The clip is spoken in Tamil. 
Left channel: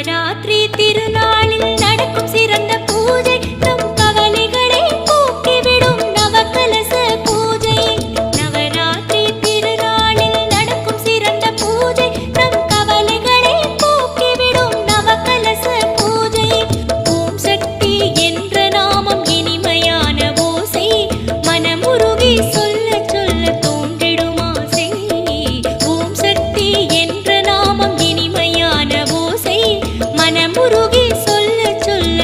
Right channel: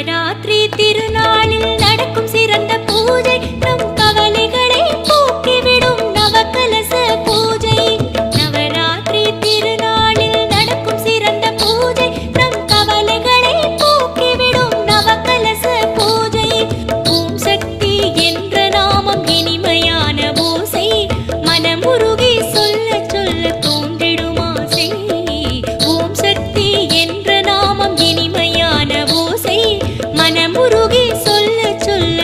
நவராத்திரி திருநாளில் நடக்கும் சிறந்த பூஜை நம் கவலைகளை போக்கிவிடும் நவகலச பூஜை. நவராத்திரி திருநாளில் நடக்கும் சிறந்த பூஜை நம் கவலைகளை போக்கிவிடும் நவகலச பூஜை. ஓம் சக்தி என்ற நாமம் இனிமையான ஓசை மனமுருகி சொல்ல சொல்ல தோன்றிடும் ஆசை. ஓம் சக்தி என்ற நாமம் இனிமையான ஓசை மனமுருகி சொல்ல சொல்ல